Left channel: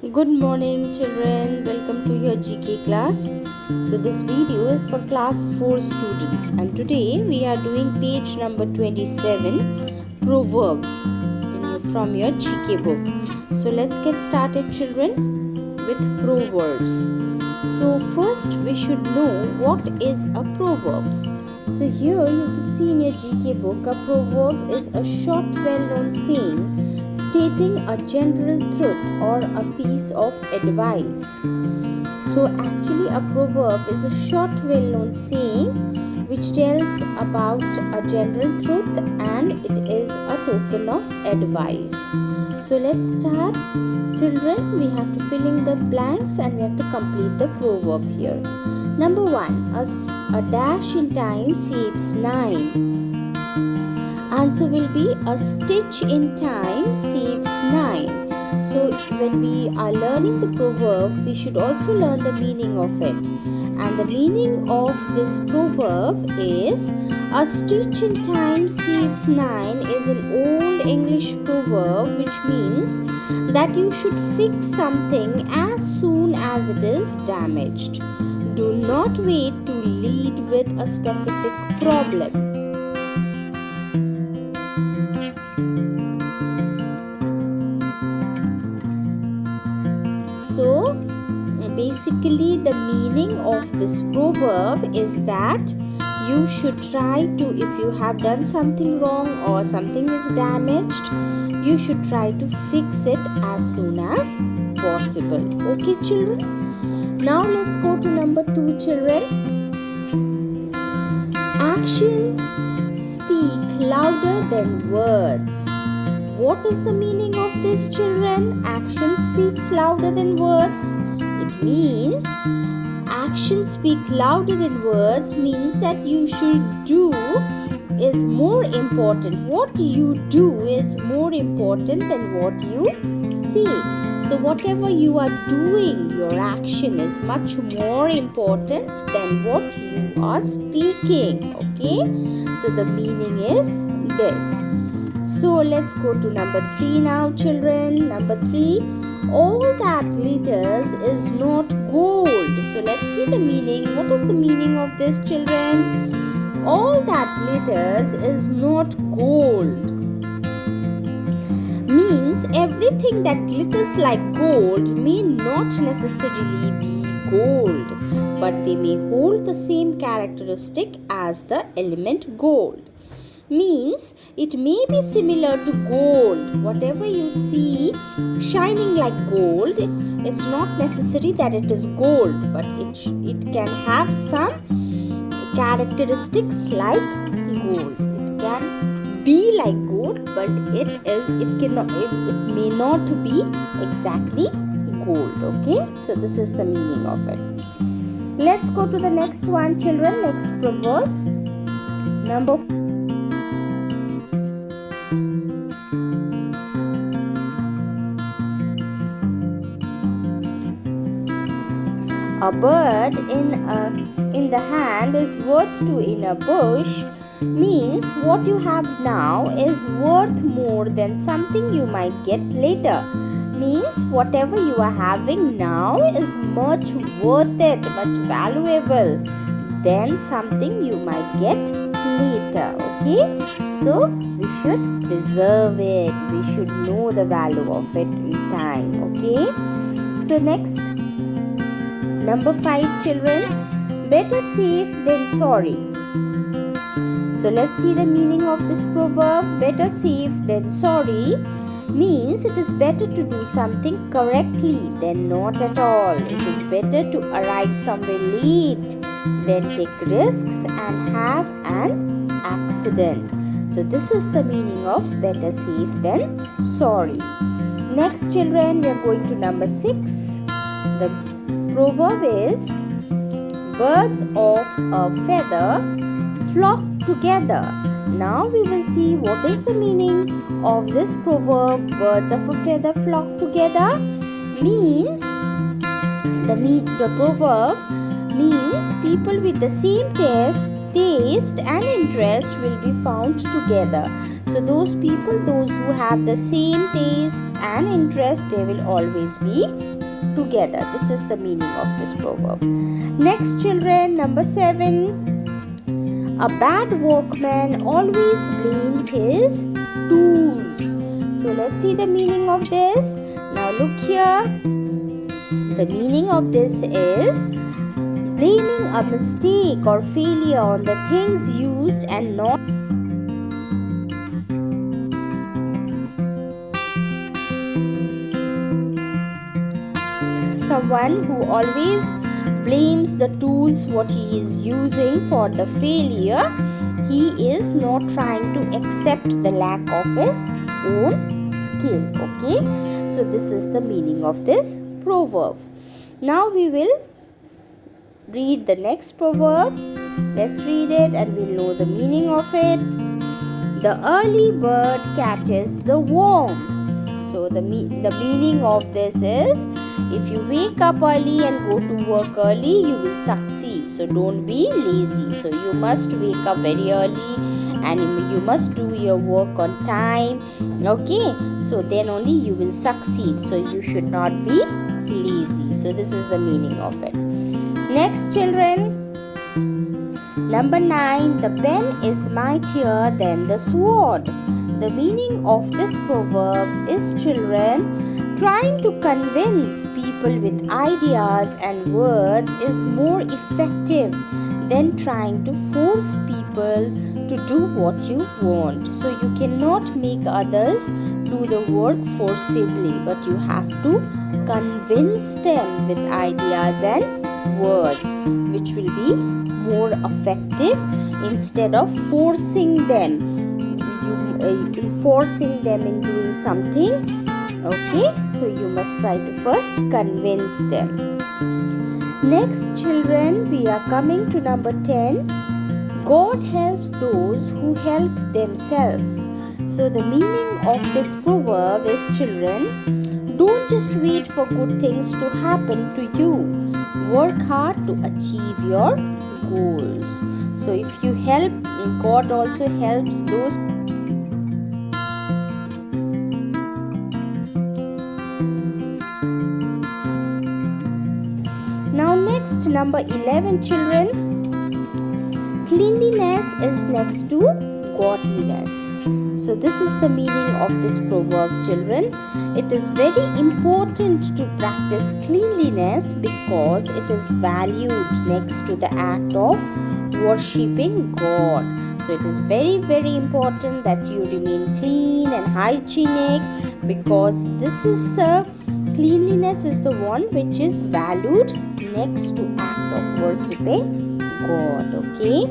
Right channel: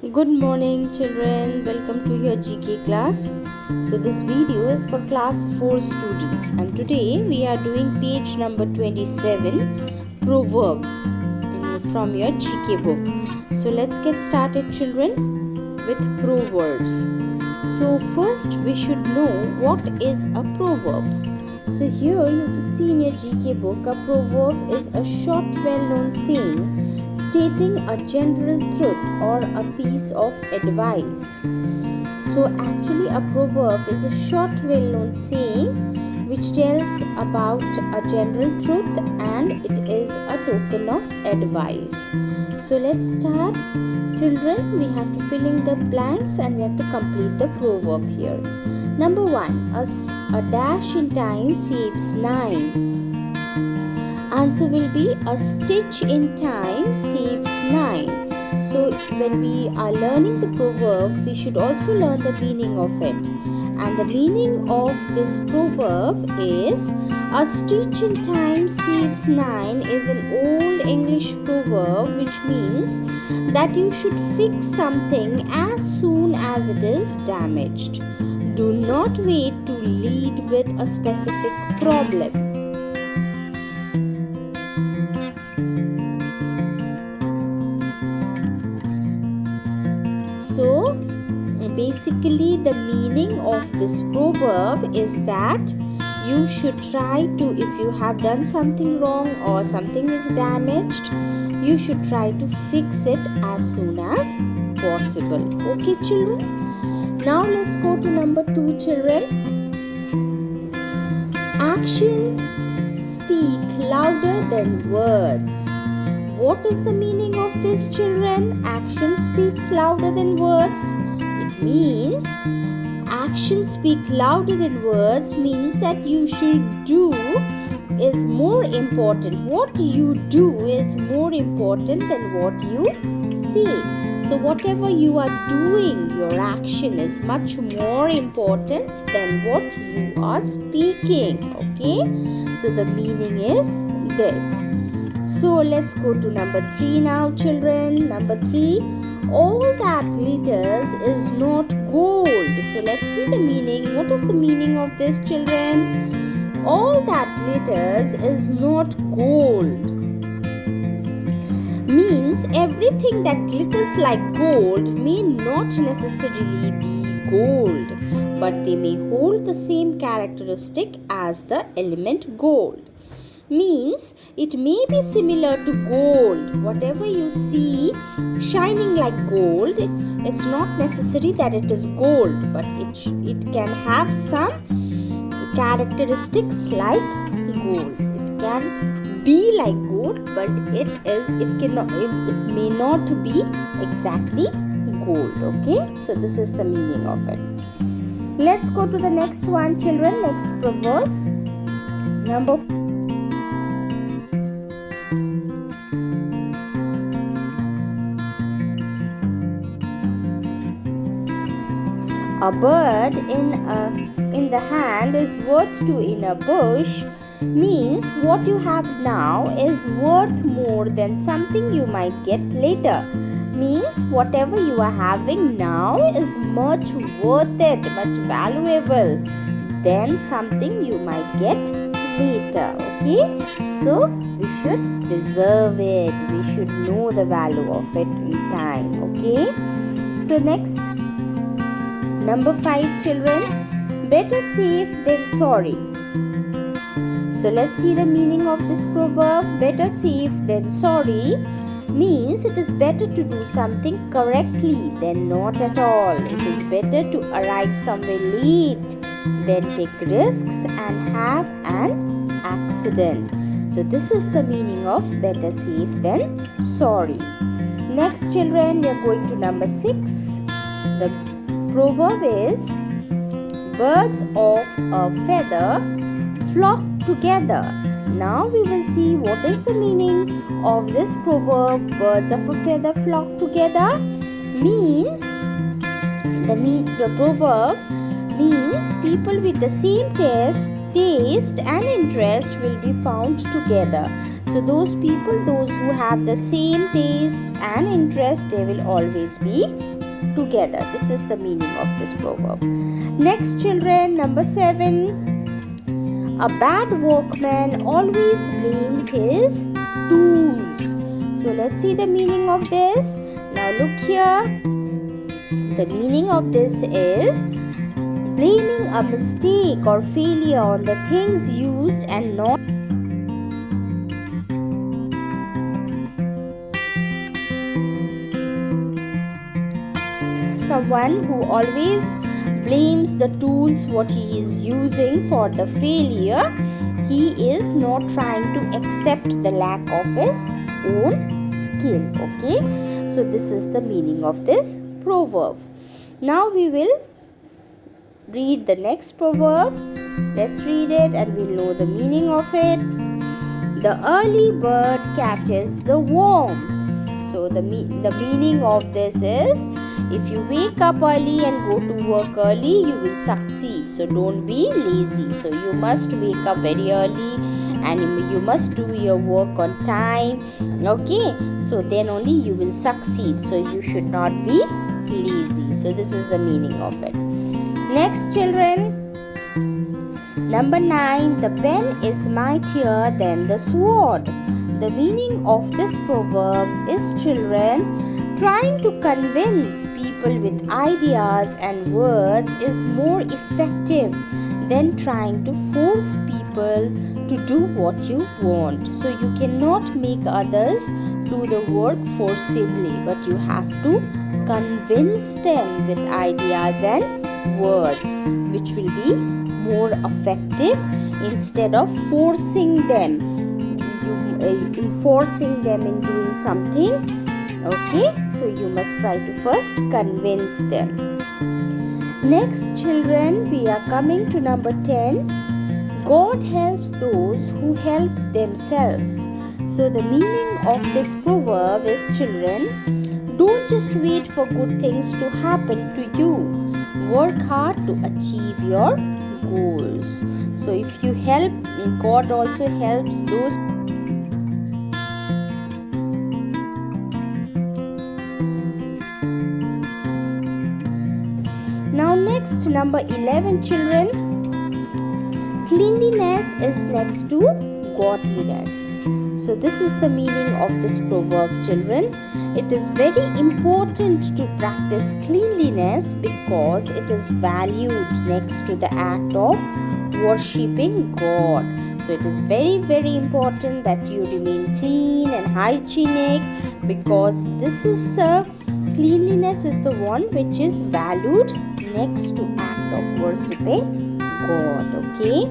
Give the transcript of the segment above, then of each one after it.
Good morning children, welcome to your GK class. So this video is for class 4 students and today we are doing page number 27 Proverbs from your GK book. So let's get started children with Proverbs. So first we should know what is a proverb. So here you can see in your GK book, a proverb is a short well-known saying stating a general truth or a piece of advice. So actually a proverb is a short well-known saying which tells about a general truth and it is a token of advice. So let's start. Children, we have to fill in the blanks and we have to complete the proverb here. Number 1, a dash in time saves 9. Answer will be a stitch in time saves 9. So when we are learning the proverb, we should also learn the meaning of it. And the meaning of this proverb is a stitch in time saves 9 is an old English proverb which means that you should fix something as soon as it is damaged. Do not wait to lead with a specific problem. So basically the meaning of this proverb is that you should try to, if you have done something wrong or something is damaged, you should try to fix it as soon as possible. Okay children? Now let's go to number 2 children. Actions speak louder than words. What is the meaning of this children? Action speaks louder than words. It means action speak louder than words means that you should do is more important. What you do is more important than what you say. So whatever you are doing, your action is much more important than what you are speaking. Okay? So the meaning is this. So let's go to number 3 now children. Number 3, all that glitters is not gold. So let's see the meaning. What is the meaning of this children? All that glitters is not gold. Means everything that glitters like gold may not necessarily be gold, but they may hold the same characteristic as the element gold. Means it may be similar to gold. Whatever you see shining like gold, it's not necessary that it is gold, but it can have some characteristics like gold. It can be like gold, but it may not be exactly gold. Okay, so this is the meaning of it. Let's go to the next one children. Next proverb, number 4. A bird in the hand is worth two in a bush means what you have now is worth more than something you might get later. Means whatever you are having now is much worth it, much valuable than something you might get later. Okay? So we should preserve it. We should know the value of it in time. Okay? So next, number 5 children, better safe than sorry. So let's see the meaning of this proverb. Better safe than sorry means it is better to do something correctly than not at all. It is better to arrive somewhere late than take risks and have an accident. So this is the meaning of better safe than sorry. Next children, we are going to number 6. The proverb is birds of a feather flock together. Now we will see what is the meaning of this proverb. Birds of a feather flock together means the proverb means people with the same taste and interest will be found together. So those people, those who have the same tastes and interests, they will always be together. This is the meaning of this proverb. Next, children, number 7. A bad workman always blames his tools. So let's see the meaning of this. Now look here. The meaning of this is blaming a mistake or failure on the things used and not someone who always blames the tools what he is using for the failure. He is not trying to accept the lack of his own skill. Okay, so this is the meaning of this proverb. Now we will read the next proverb. Let's read it and we'll know the meaning of it. The early bird catches the worm. So the meaning of this is, if you wake up early and go to work early, you will succeed. So don't be lazy. So you must wake up very early and you must do your work on time. Okay, so then only you will succeed. So you should not be lazy. So this is the meaning of it. Next, children, number 9. The pen is mightier than the sword. The meaning of this proverb is, children, trying to convince people with ideas and words is more effective than trying to force people to do what you want. So you cannot make others do the work forcibly, but you have to convince them with ideas and words, which will be more effective instead of forcing them, enforcing them in doing something. Okay, so you must try to first convince them. Next, children, we are coming to number 10. God helps those who help themselves. So the meaning of this proverb is, children, don't just wait for good things to happen to you. Work hard to achieve your goals. So if you help, God also helps those. Now next, number 11, children. Cleanliness is next to godliness. So this is the meaning of this proverb, children. It is very important to practice cleanliness because it is valued next to the act of worshipping God. So it is very important that you remain clean and hygienic, because this is the cleanliness is the one which is valued next to act of worshipping God. Okay,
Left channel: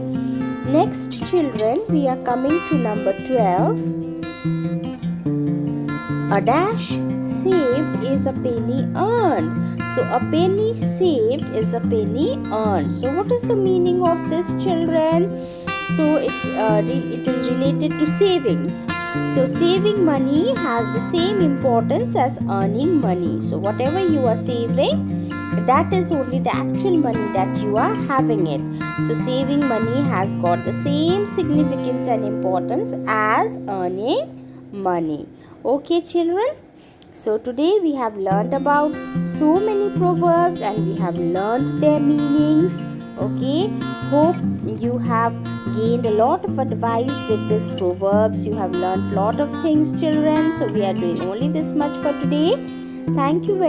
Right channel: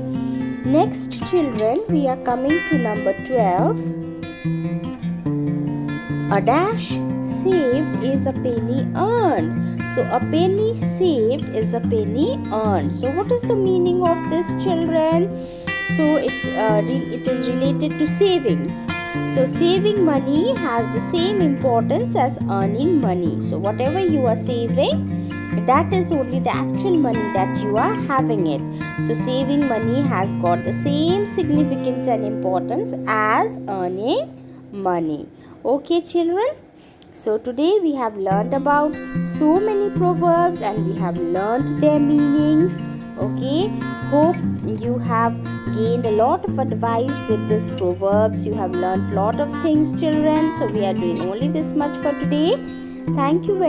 next, children, we are coming to number 12. A dash saved is a penny earned. So a penny saved is a penny earned. So what is the meaning of this, children? So it is related to savings. So saving money has the same importance as earning money. So whatever you are saving, that is only the actual money that you are having it. So saving money has got the same significance and importance as earning money. Okay, children. So today we have learnt about so many proverbs and we have learnt their meanings. Okay, hope you have gained a lot of advice with these proverbs. You have learnt lot of things, children. So we are doing only this much for today. Thank you very much.